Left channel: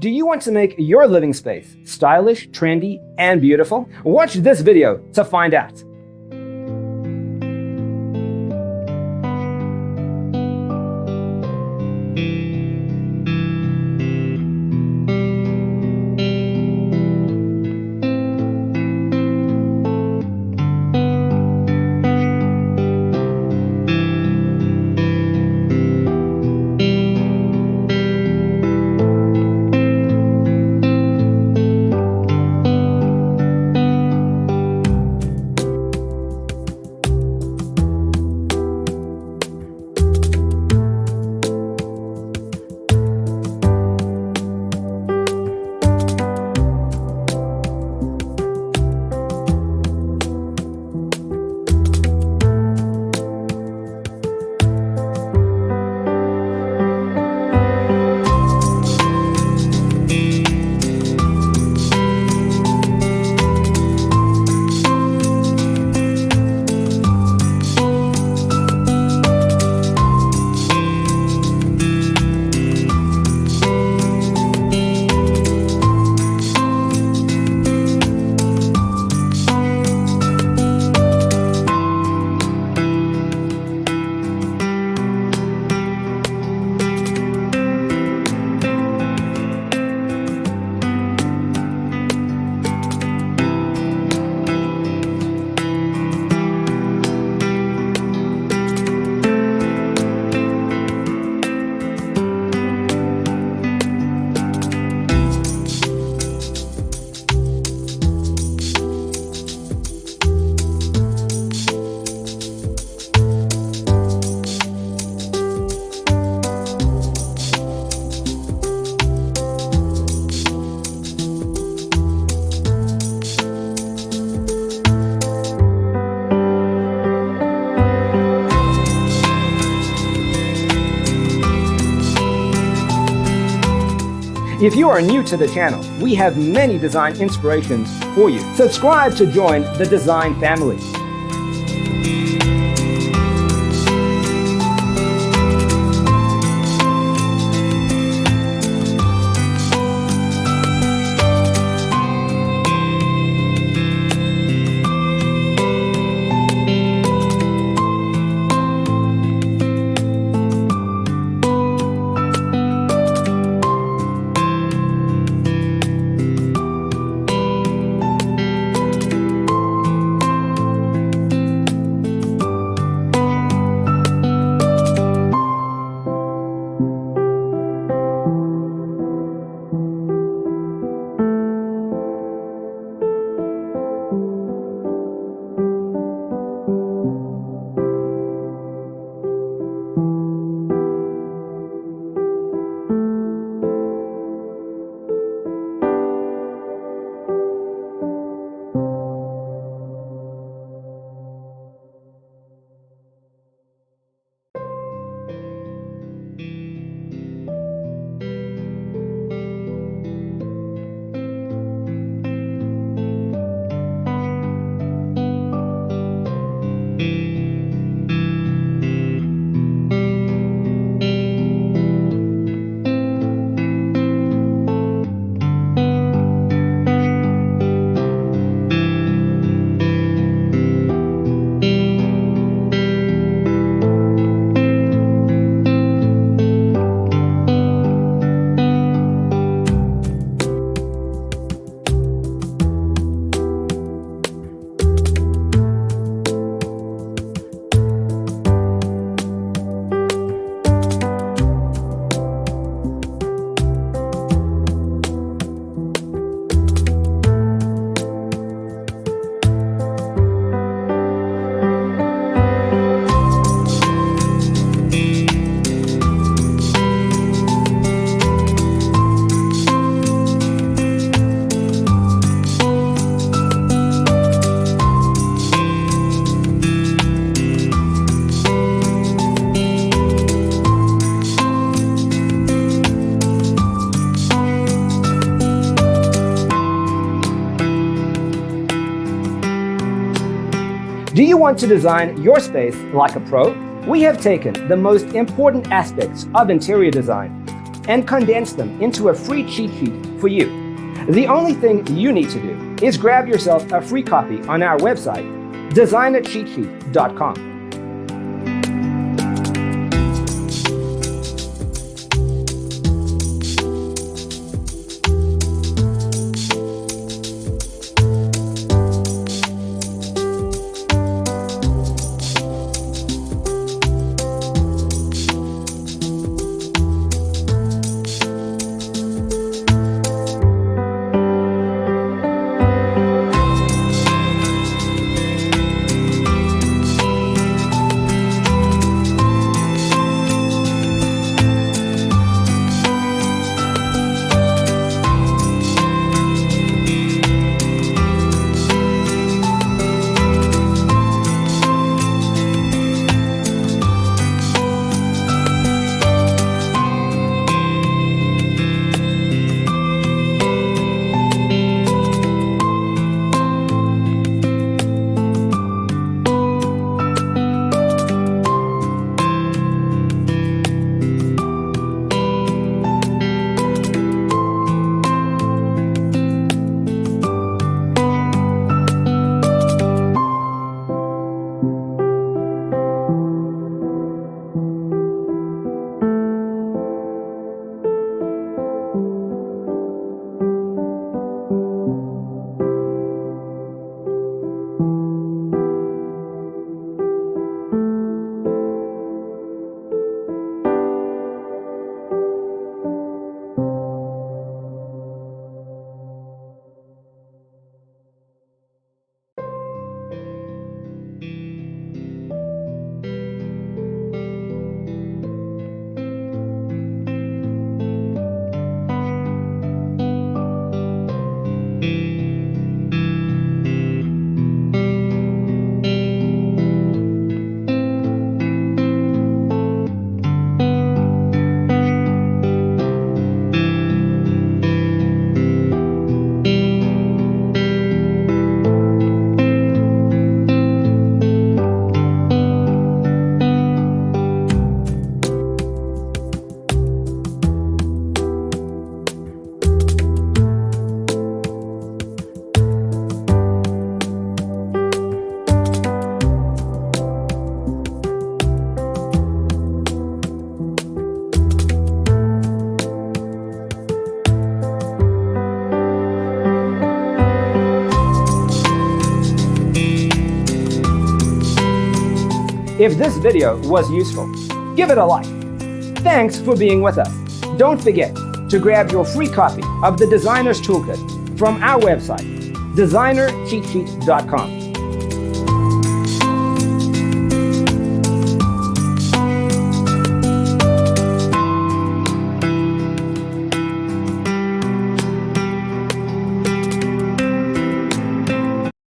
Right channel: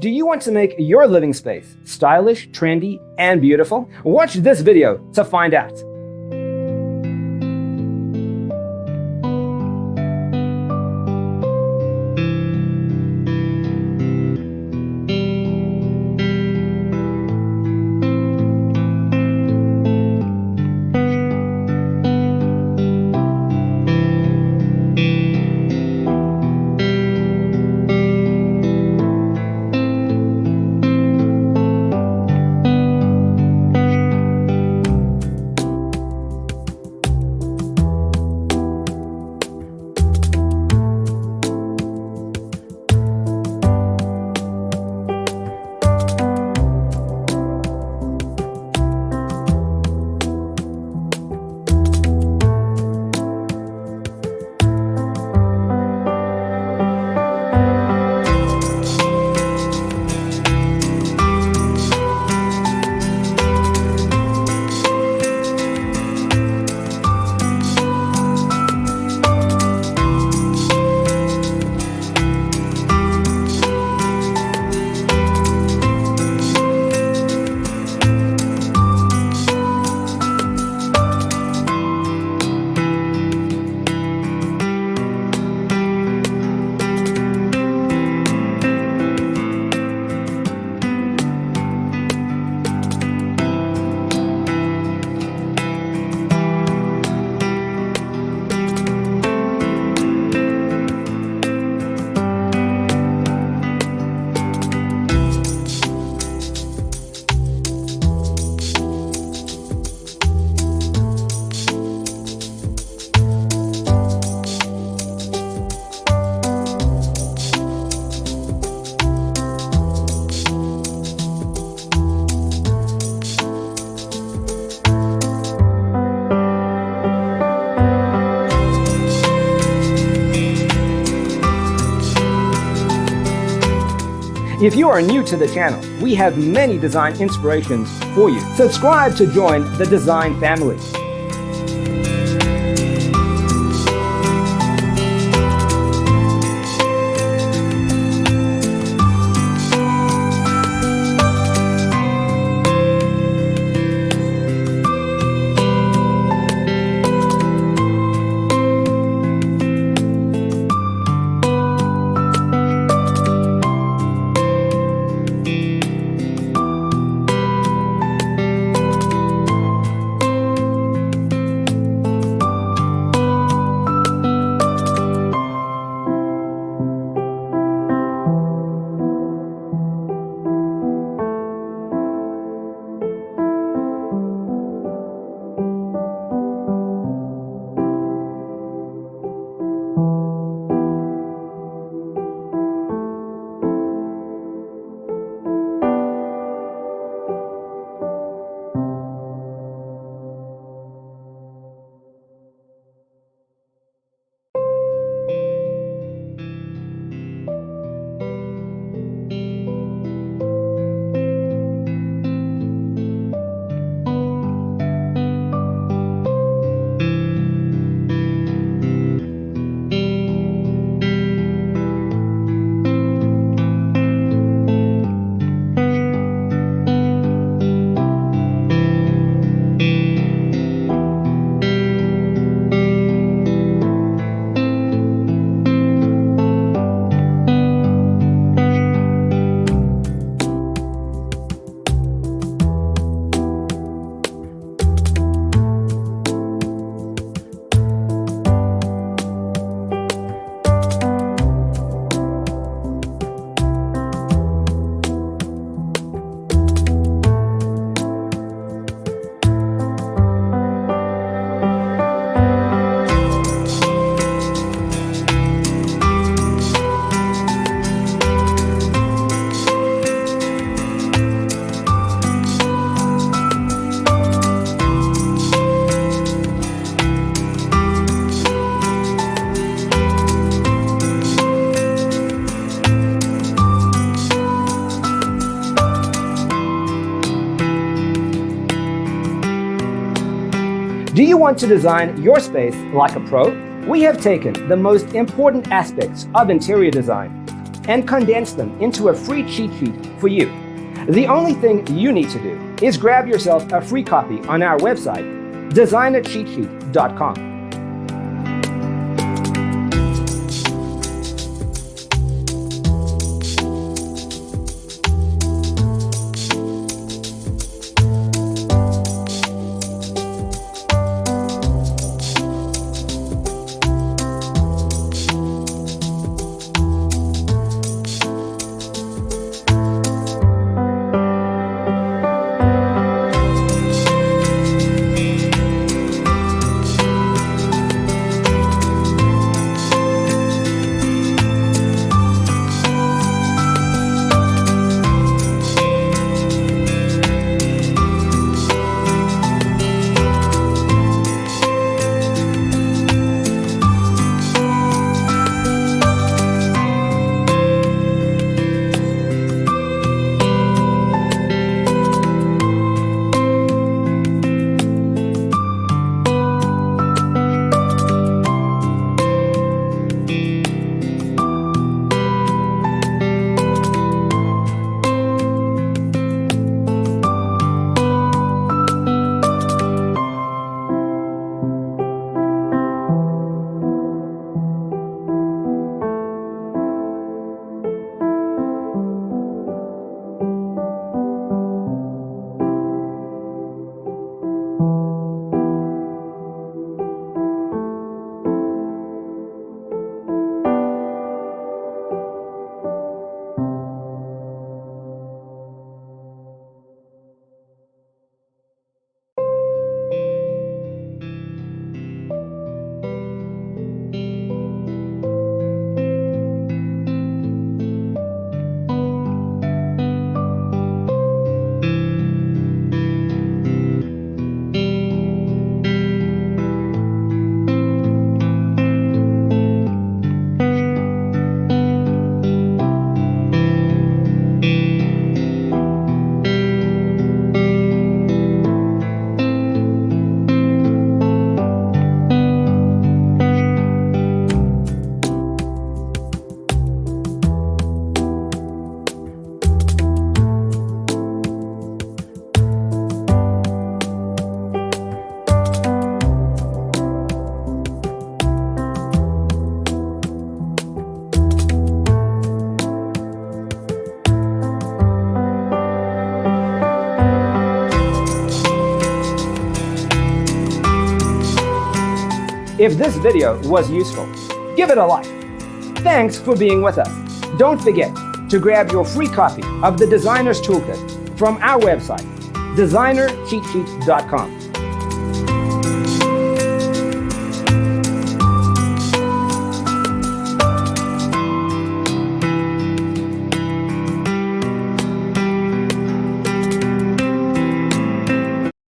Do you want to make your living space stylish, trendy, and beautiful? Watch this video to find out. If you are new to the channel, we have many design inspirations for you. Subscribe to join the design family. Do you want to design your space like a pro? We have taken the most important aspects of interior design, and condense them into a free cheat sheet for you. The only thing you need to do is grab yourself a free copy on our website, designercheatsheet.com. If this video was useful, give it a like. Thanks for being with us. Don't forget to grab your free copy of the Designer's Toolkit from our website, designercheatsheet.com.